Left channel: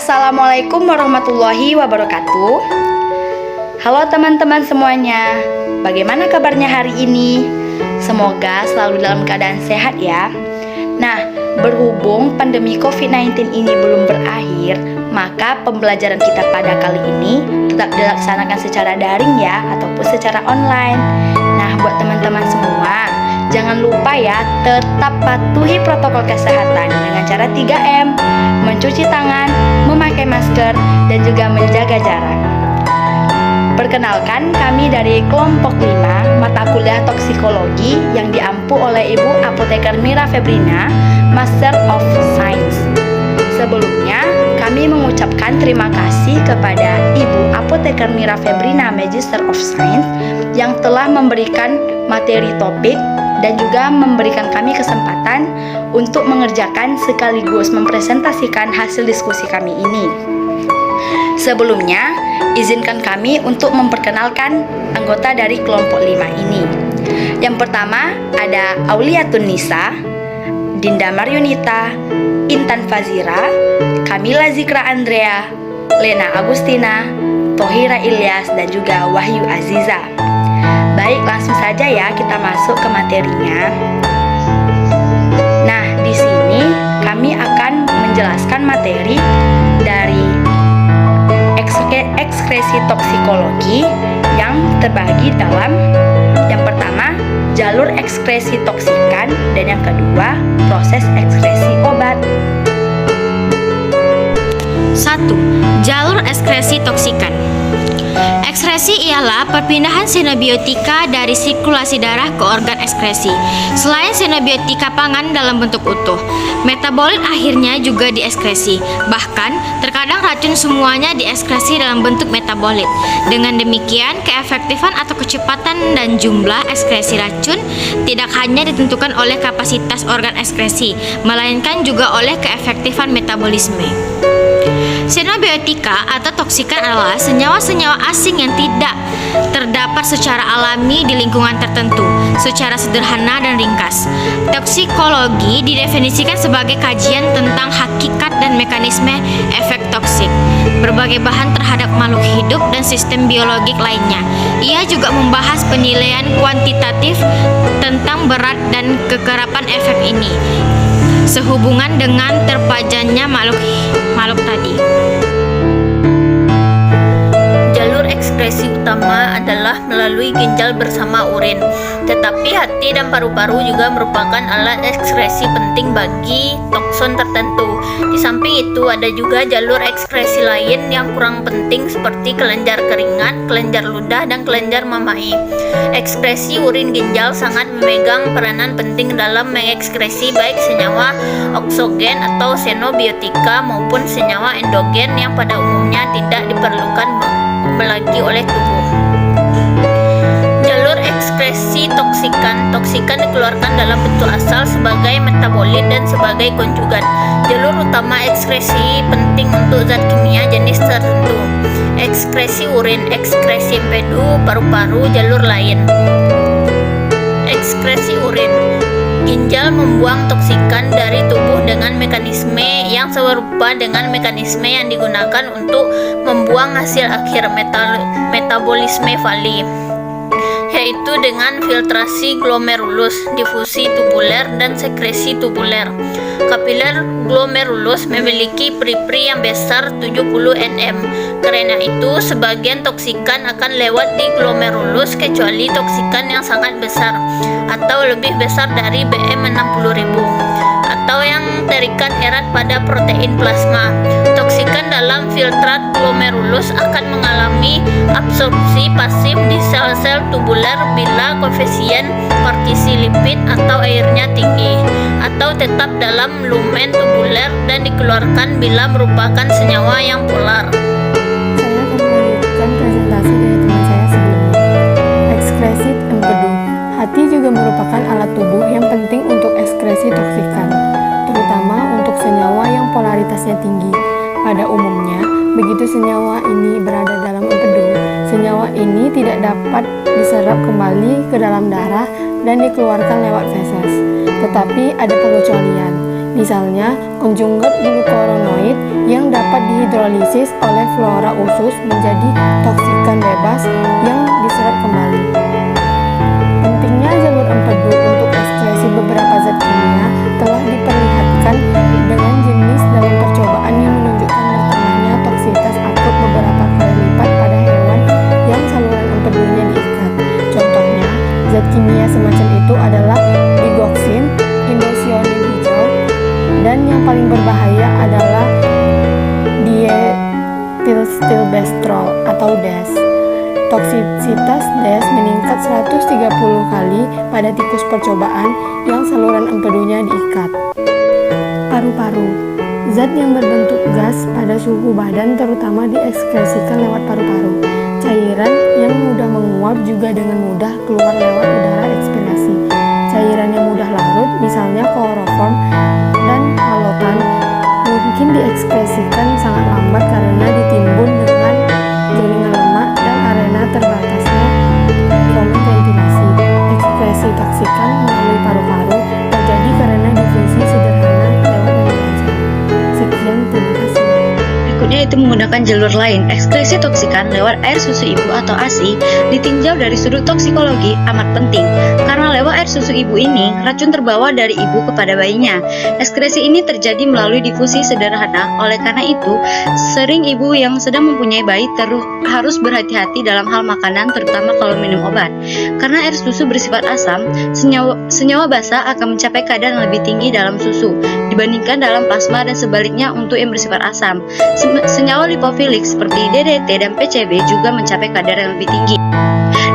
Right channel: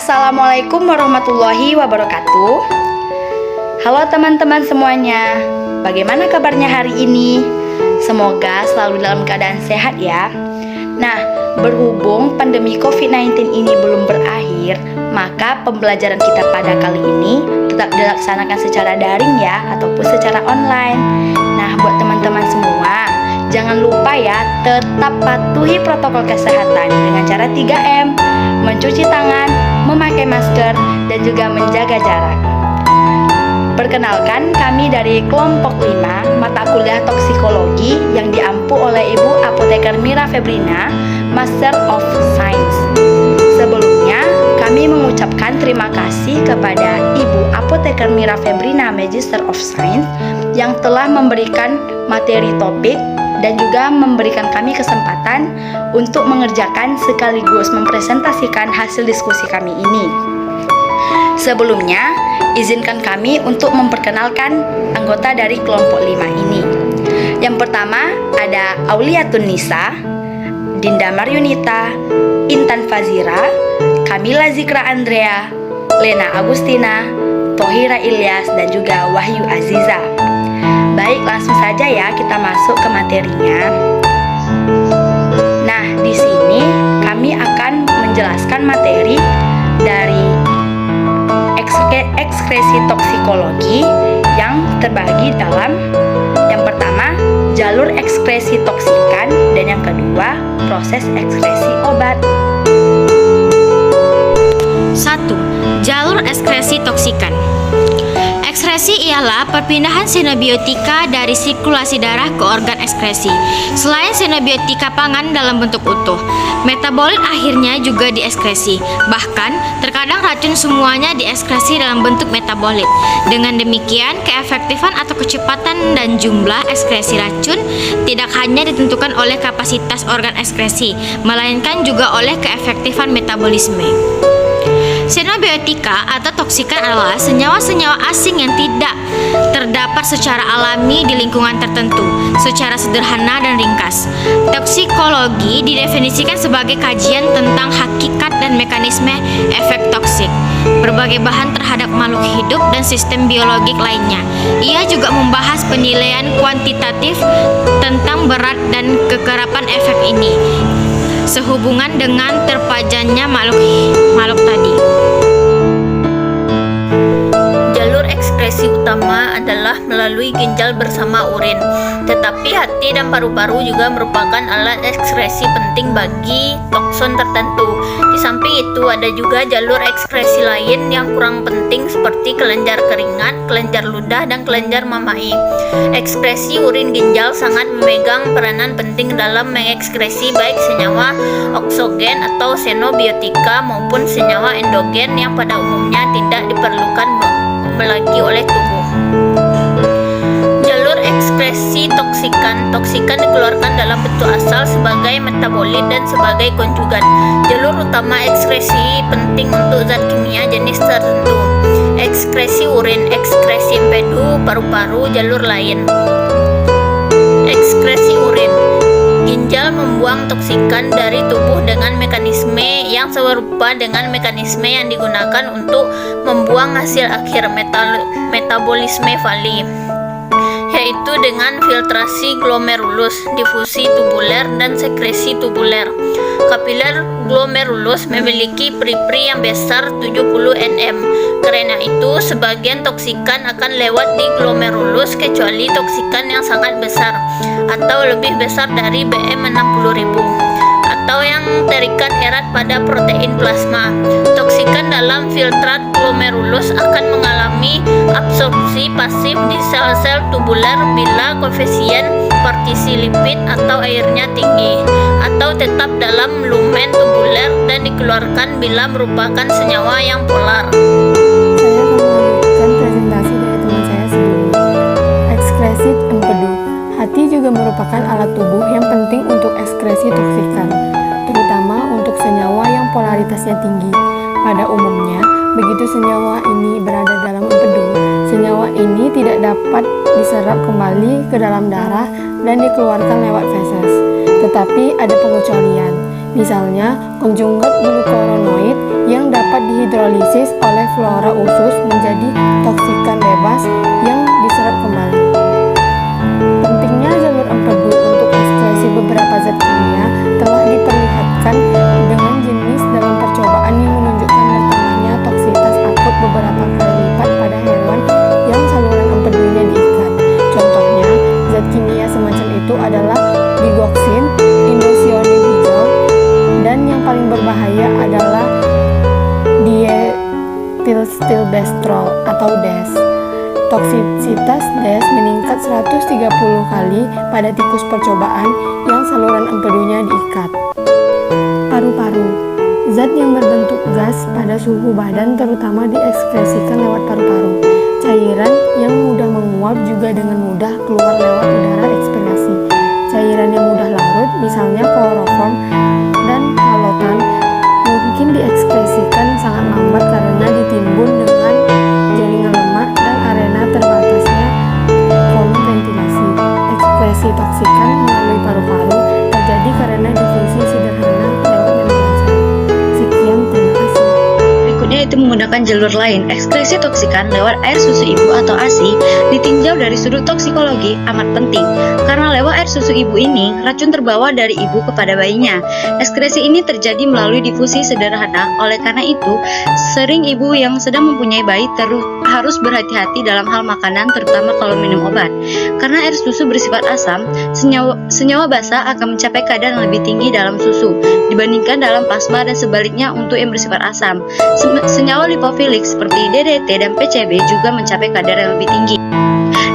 Assalamualaikum warahmatullahi wabarakatuh. Halo teman-teman semuanya, bagaimana kabarnya hari ini? Semoga selalu dalam keadaan sehat ya. Nah, berhubung pandemi COVID-19 ini belum berakhir, maka pembelajaran kita pada kali ini tetap dilaksanakan secara daring ya, ataupun secara online. Nah, buat teman-teman semua, jangan lupa ya, tetap patuhi protokol kesehatan dengan cara 3M, mencuci tangan, memakai masker, dan juga menjaga jarak. Perkenalkan, kami dari kelompok 5 mata kuliah toksikologi yang diampu oleh Ibu Apoteker Mira Febrina, Master of Science. Sebelumnya, kami mengucapkan terima kasih kepada Ibu Apoteker Mira Febrina, Magister of Science, yang telah memberikan materi topik dan juga memberikan kami kesempatan untuk mengerjakan sekaligus mempresentasikan hasil diskusi kami ini. Sebelumnya, izinkan kami untuk memperkenalkan anggota dari kelompok 5 ini. Yang pertama ada Auliatun Nisa, Dinda Maryunita, Intan Fazira, Kamila Zikra Andrea, Lena Agustina, Tohira Ilyas, dan juga Wahyu Aziza. Baik, langsung saja ya kita masuk ke materinya. Nah, di sini kami akan menjelaskan materi dari ekskresi toksikologi yang terbagi dalam yang pertama, jalur ekskresi toksikan, dan yang kedua, proses ekskresi obat. 1. Jalur ekskresi toksikan. Ekskresi ialah perpindahan sinobiotika dari sirkulasi darah ke organ ekskresi. Selain sinobiotika pangan dalam bentuk utuh, metabolit akhirnya juga dieskresi. Bahkan, terkadang racun semuanya dieskresi dalam bentuk metabolit. Dengan demikian, keefektifan atau kecepatan dan jumlah ekskresi racun tidak hanya ditentukan oleh kapasitas organ ekskresi, melainkan juga oleh keefektifan metabolisme. Sinobiotika atau toksikan adalah senyawa-senyawa asing yang tidak terdapat secara alami di lingkungan tertentu. Secara sederhana dan ringkas, toksikologi didefinisikan sebagai kajian tentang hakikat dan mekanisme efek toksik berbagai bahan terhadap makhluk hidup dan sistem biologik lainnya. Ia juga membahas penilaian kuantitatif tentang berat dan kekerapan efek ini sehubungan dengan terpajannya makhluk tadi. Jalur ekskresi utama adalah melalui ginjal bersama urin, tetapi hati dan paru-paru juga merupakan alat ekskresi penting bagi toksin tertentu. Di samping itu ada juga jalur ekskresi lain yang kurang penting seperti kelenjar keringat, kelenjar ludah, dan kelenjar mamai. Ekskresi urin ginjal sangat memegang peranan penting dalam mengekskresi baik senyawa oksogen atau xenobiotika maupun senyawa endogen yang pada umumnya tidak diperlukan lagi oleh tubuh. Jalur ekskresi toksikan dikeluarkan dalam bentuk asal sebagai metabolit dan sebagai konjugan. Jalur utama ekskresi penting untuk zat kimia jenis tertentu. Ekskresi urin, ekskresi empedu, paru-paru, jalur lain. Ekskresi urin. Ginjal membuang toksikan dari tubuh dengan mekanisme yang serupa dengan mekanisme yang digunakan untuk membuang hasil akhir metabolisme Valli, yaitu dengan filtrasi glomerulus, difusi tubuler, dan sekresi tubuler. Kapiler glomerulus memiliki peri-peri yang besar 70 nm. Karena itu, sebagian toksikan akan lewat di glomerulus kecuali toksikan yang sangat besar atau lebih besar dari BM 60.000 atau yang terikat erat pada protein plasma. Toksikan dalam filtrat glomerulus akan mengalami absorpsi pasif di sel-sel tubuler bila koefisien partisi lipid atau airnya tinggi, atau tetap dalam lumen tubuler dan dikeluarkan bila merupakan senyawa yang polar. Saya akan melanjutkan presentasi dari teman saya sebelumnya. Ekskresi empedu. Hati juga merupakan alat tubuh yang penting untuk ekskresi toksikan, terutama untuk senyawa yang polaritasnya tinggi. Pada umumnya, begitu senyawa ini berada dalam empedu, senyawa ini tidak dapat diserap kembali ke dalam darah dan dikeluarkan lewat feses. Tetapi ada pengecualian. Misalnya, konjugat glukoronoid yang dapat dapat dihidrolisis oleh flora usus menjadi toksikan bebas yang diserap kembali. Pentingnya jalur empedu untuk ekskresi beberapa zat kimia telah diperlihatkan dengan jenis dalam percobaan yang menunjukkan bertambahnya toksitas akut beberapa kali lipat pada hewan yang saluran empedunya diikat. Contohnya, zat kimia semacam itu adalah digoxin, indocyanin hijau, dan yang paling berbahaya adalah diethylstilbestrol atau DES. Toksisitas DES meningkat 130 kali pada tikus percobaan yang saluran empedunya diikat. Paru-paru. Zat yang berbentuk gas pada suhu badan terutama diekskresikan lewat paru-paru. Cairan yang mudah menguap juga dengan mudah keluar lewat udara ekspirasi. Cairan yang mudah larut, misalnya kloroform dan halotan, mungkin diekskresikan sangat lambat karena ditimbun dengan jaringan lemak dan arena terbatasnya kolom ventilasi. Ekskresi toksikan melalui paru-paru terjadi karena difusi sederhana lewat membran sel. Sekian, terima kasih. Berikutnya itu menggunakan jalur lain. Ekskresi toksikan lewat air susu ibu atau ASI ditinjau dari sudut toksikologi amat penting karena lewat air susu ibu ini racun terbawa dari ibu kepada bayinya. Ekskresi ini terjadi melalui difusi sederhana. Oleh karena itu, sering ibu yang sedang mempunyai bayi harus berhati-hati dalam hal makanan, terutama kalau minum obat. Karena air susu bersifat asam, senyawa basa akan mencapai kadar yang lebih tinggi dalam susu dibandingkan dalam plasma dan sebaliknya untuk yang bersifat asam. Senyawa lipofilik seperti DDT dan PCB juga mencapai kadar yang lebih tinggi.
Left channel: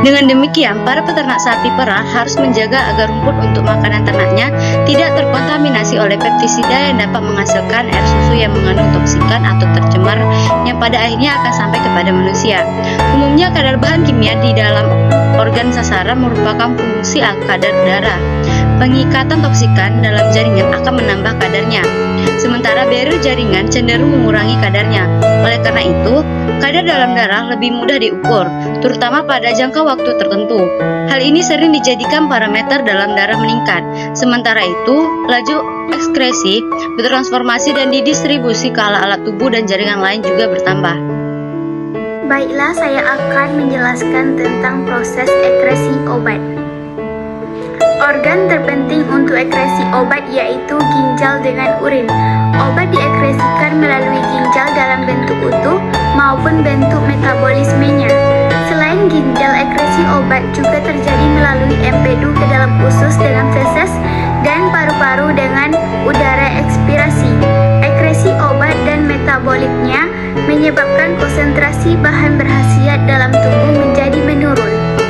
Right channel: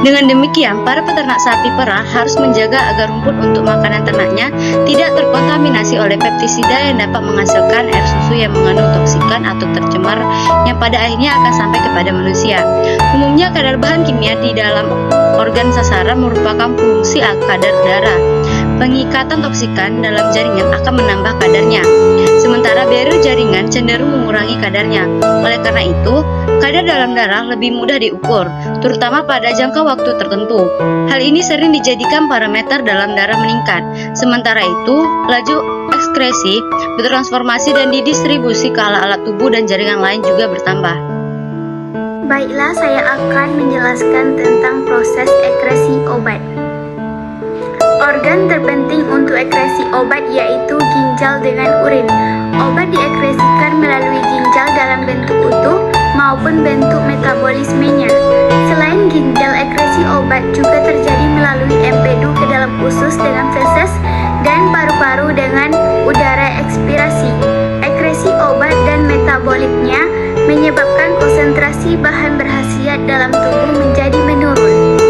Dengan demikian, para peternak sapi perah harus menjaga agar rumput untuk makanan ternaknya tidak terkontaminasi oleh pestisida yang dapat menghasilkan air susu yang mengandung toksikan atau tercemar yang pada akhirnya akan sampai kepada manusia. Umumnya kadar bahan kimia di dalam organ sasaran merupakan fungsi kadar darah. Pengikatan toksikan dalam jaringan akan menambah kadarnya, sementara barrier jaringan cenderung mengurangi kadarnya. Oleh karena itu, kadar dalam darah lebih mudah diukur, terutama pada jangka waktu tertentu. Hal ini sering dijadikan parameter dalam darah meningkat. Sementara itu, laju ekskresi bertransformasi dan didistribusi ke alat-alat tubuh dan jaringan lain juga bertambah. Baiklah, saya akan menjelaskan tentang proses ekskresi obat. Organ terpenting untuk ekskresi obat yaitu ginjal dengan urin. Obat diekskresikan melalui ginjal dalam bentuk utuh maupun bentuk metabolismenya. Selain ginjal, ekskresi obat juga terjadi melalui empedu ke dalam usus dengan feses dan paru-paru dengan udara ekspirasi. Ekskresi obat dan metabolitnya menyebabkan konsentrasi bahan berkhasiat dalam tubuh menjadi menurun.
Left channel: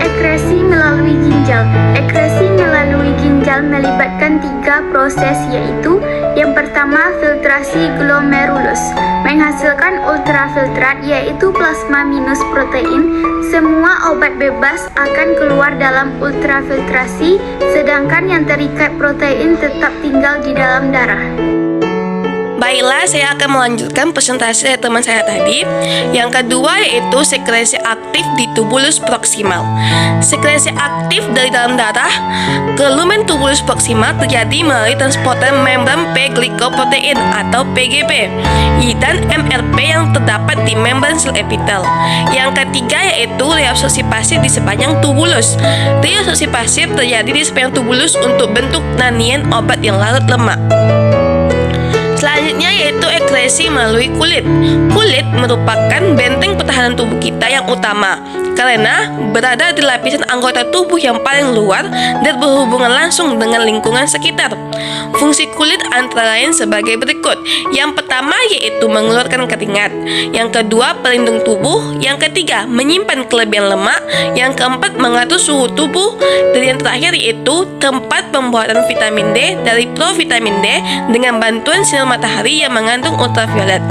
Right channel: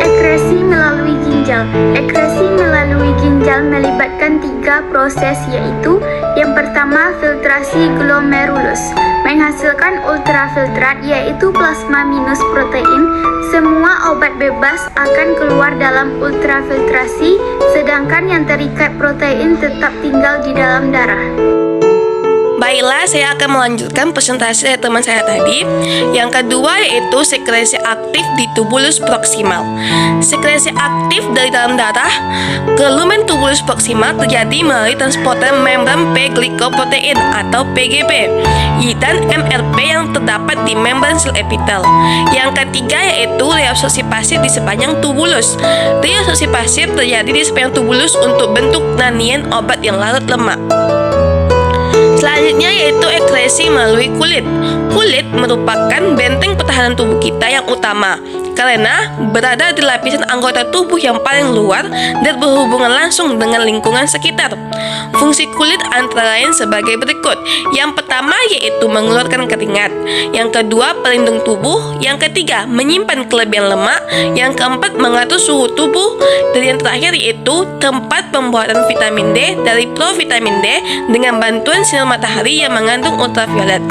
Ekskresi melalui ginjal. Ekskresi melalui ginjal melibatkan 3 proses, yaitu yang pertama filtrasi glomerulus, menghasilkan ultrafiltrat yaitu plasma minus protein. Semua obat bebas akan keluar dalam ultrafiltrasi, sedangkan yang terikat protein tetap tinggal di dalam darah. Baiklah, saya akan melanjutkan presentasi dari teman saya tadi. Yang kedua yaitu sekresi aktif di tubulus proksimal. Sekresi aktif dari dalam darah ke lumen tubulus proksimal terjadi melalui transporter membran P-glycoprotein atau PGP dan MRP yang terdapat di membran sel epitel. Yang ketiga yaitu reabsorpsi pasif di sepanjang tubulus. Reabsorpsi pasif terjadi di sepanjang tubulus untuk bentuk nanian obat yang larut lemak. Selanjutnya yaitu ekskresi melalui kulit. Kulit merupakan benteng pertahanan tubuh kita yang utama karena berada di lapisan anggota tubuh yang paling luar dan berhubungan langsung dengan lingkungan sekitar. Fungsi kulit antara lain sebagai berikut. Yang pertama yaitu mengeluarkan keringat. Yang kedua, pelindung tubuh. Yang ketiga, menyimpan kelebihan lemak. Yang keempat, mengatur suhu tubuh. Dan yang terakhir yaitu tempat pembuatan vitamin D dari provitamin D dengan bantuan sinar matahari yang mengandung ultraviolet.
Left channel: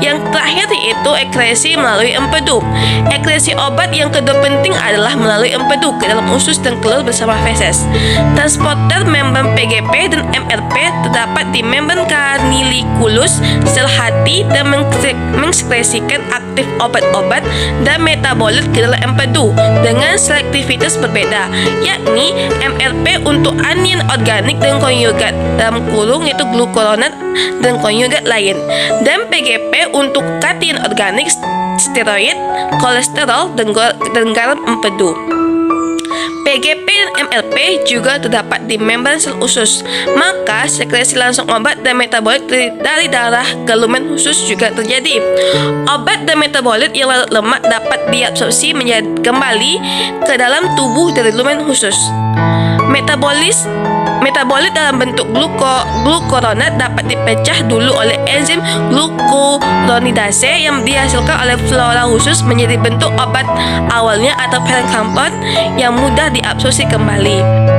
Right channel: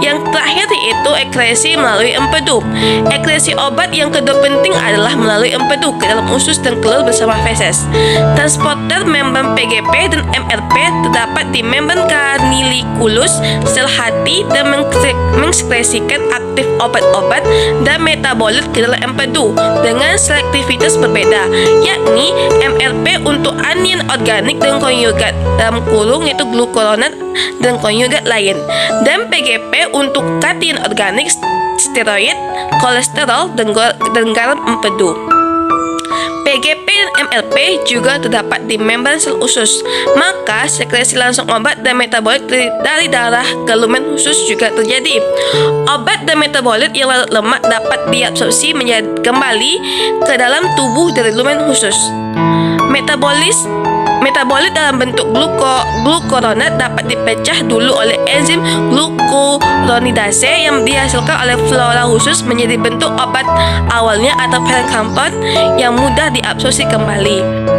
Yang terakhir yaitu ekskresi melalui empedu. Ekskresi obat yang kedua penting adalah melalui empedu ke dalam usus dan keluar bersama feses. Transporter membran PGP dan MRP terdapat di membran canaliculus sel hati dan mengekskresikan aktif obat-obat dan metabolit ke dalam empedu dengan selektivitas berbeda, yakni MRP untuk anion organik dan konjugat dalam kurung yaitu glukuronat dan konjugat lain, dan PGP untuk kation organik, steroid, kolesterol, dan garam empedu. PGP dan MLP juga terdapat di membran sel usus, maka sekresi langsung obat dan metabolit dari darah ke lumen usus juga terjadi. Obat dan metabolit yang larut lemak dapat diabsorpsi kembali ke dalam tubuh dari lumen usus. Metabolit dalam bentuk glukuronat dapat dipecah dulu oleh enzim glukuronidase yang dihasilkan oleh flora usus menjadi bentuk obat awalnya atau parent compound yang mudah diabsorpsi kembali.